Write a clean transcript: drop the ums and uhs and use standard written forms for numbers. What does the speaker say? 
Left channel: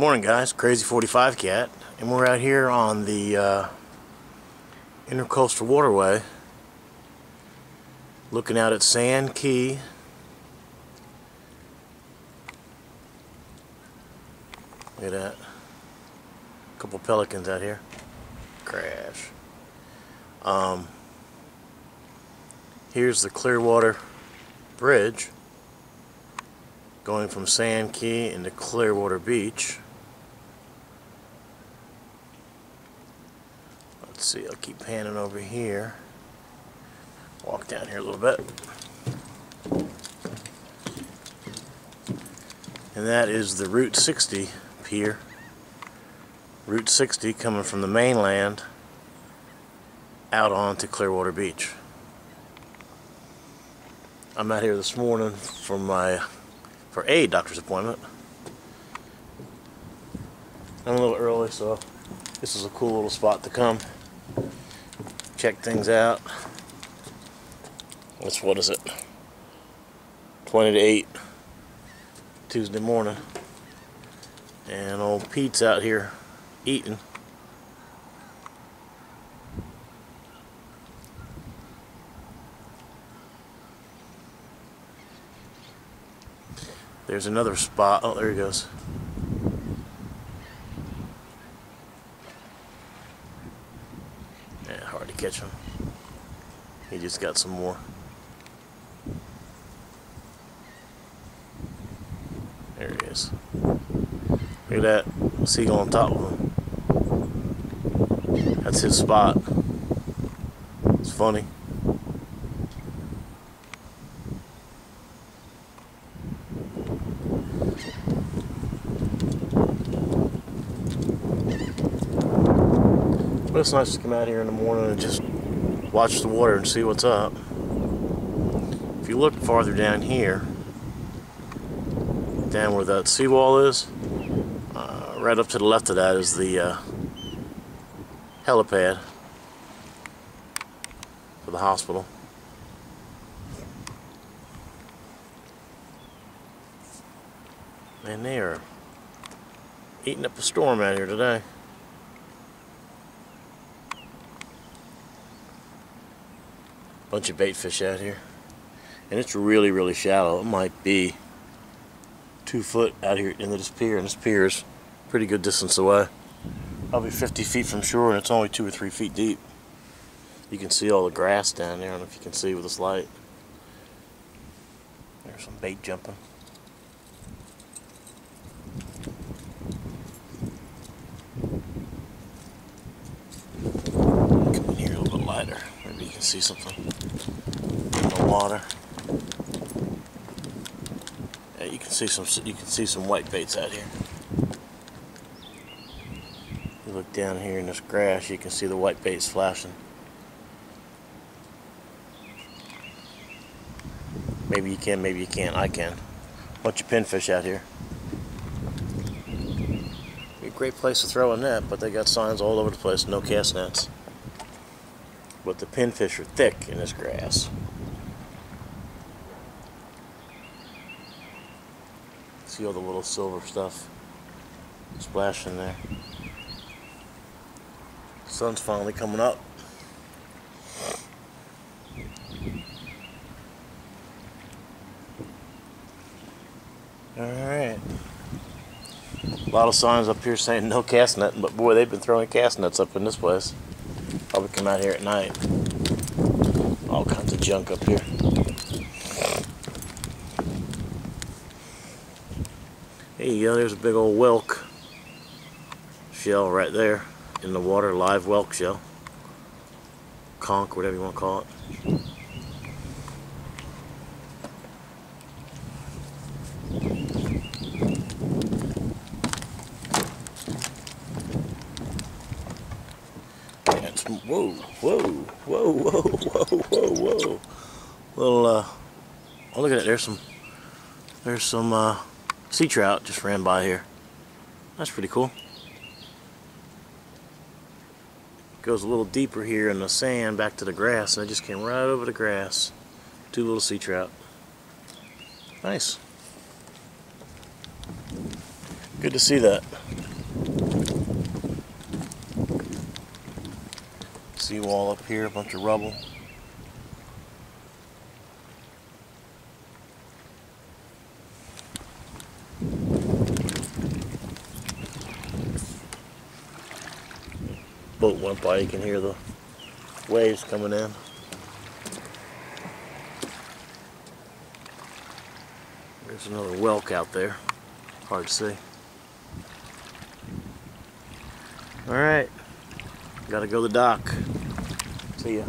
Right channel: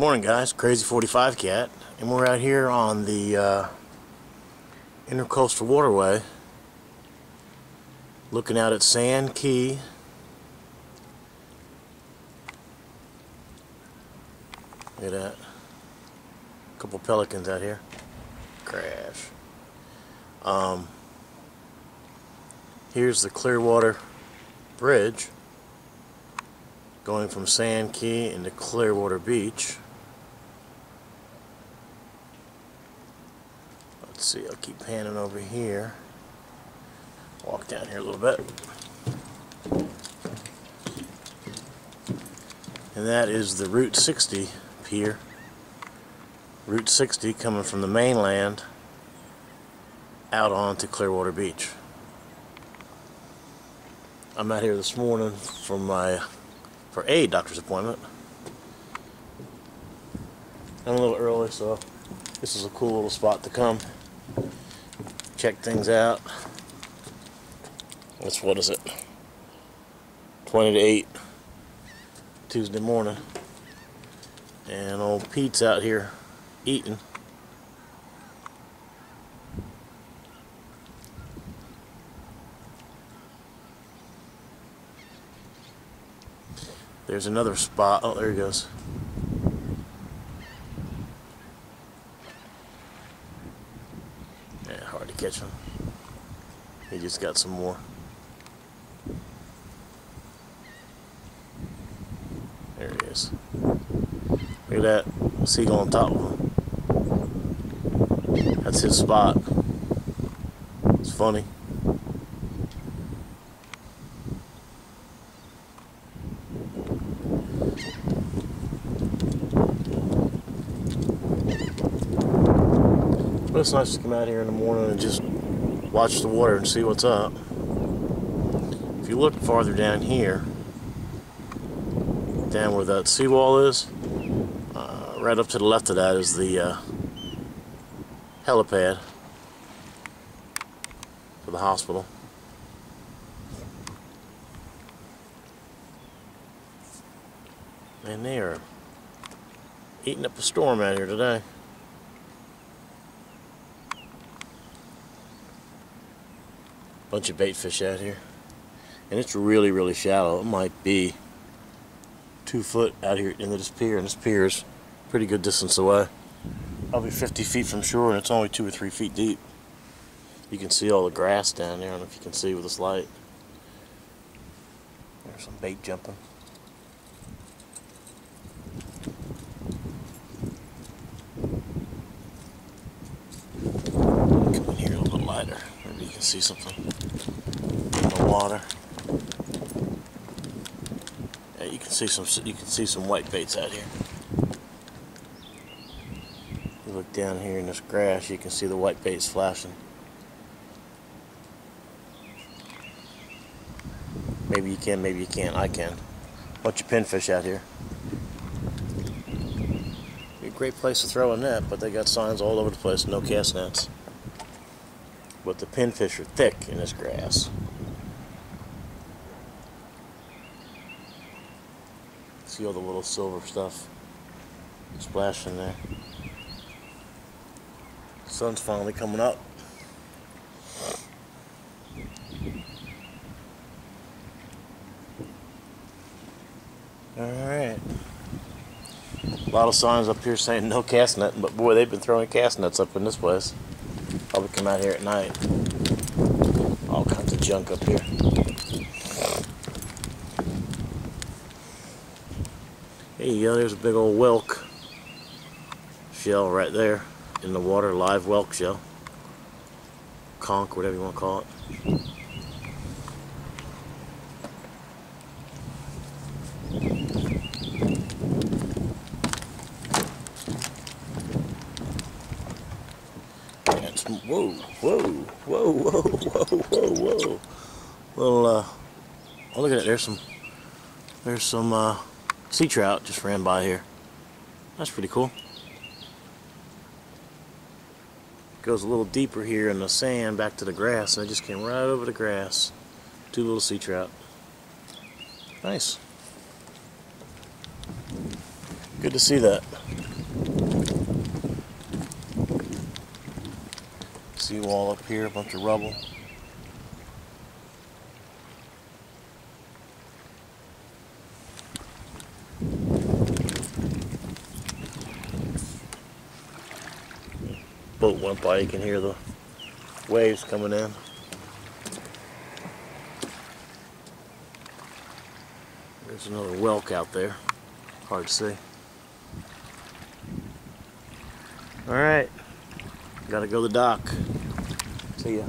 Morning guys, Crazy 45 Cat, and we're out here on the Intercoastal Waterway looking out at Sand Key. Look at that. A couple pelicans out here. Crash. Here's the Clearwater Bridge going from Sand Key into Clearwater Beach. Let's see, I'll keep panning over here. Walk down here a little bit. And that is the Route 60 pier. Route 60 coming from the mainland out onto Clearwater Beach. I'm out here this morning for a doctor's appointment. I'm a little early, so this is a cool little spot to come check things out. It's, what is it, 20 to 8 Tuesday morning, and old Pete's out here eating. There's another spot. Oh, there he goes. Yeah, hard to catch him. He just got some more. There he is. Look at that seagull on top of him. That's his spot. It's funny. But it's nice to come out here in the morning and just watch the water and see what's up. If you look farther down here, down where that seawall is, right up to the left of that is the helipad for the hospital. And they are eating up a storm out here today. Bunch of bait fish out here, and it's really shallow. It might be 2 foot out here into this pier, and this pier is a pretty good distance away, probably 50 feet from shore, and it's only 2 or 3 feet deep. You can see all the grass down there. I don't know if you can see with this light. There's some bait jumping. Come in here a little bit lighter. Maybe you can see something in the water. Yeah, you can see some white baits out here. You look down here in this grass, you can see the white baits flashing. Maybe you can, maybe you can't. I can. Bunch of pinfish out here. Be a great place to throw a net, but they got signs all over the place, no cast nets. But the pinfish are thick in this grass. See all the little silver stuff splashing there. Sun's finally coming up. Alright. A lot of signs up here saying no cast net, but boy, they've been throwing cast nets up in this place. Probably come out here at night. All kinds of junk up here. There you go, there's a big old whelk shell right there in the water, live whelk shell. Conch, whatever you want to call it. Whoa, whoa, whoa, whoa, whoa, whoa, whoa. Little, oh, look at it, there's some sea trout just ran by here. That's pretty cool. Goes a little deeper here in the sand back to the grass, and I just came right over the grass. 2 little sea trout. Nice. Good to see that. Seawall up here, a bunch of rubble. Boat went by, you can hear the waves coming in. There's another whelk out there, hard to see. Alright, gotta go to the dock. See ya.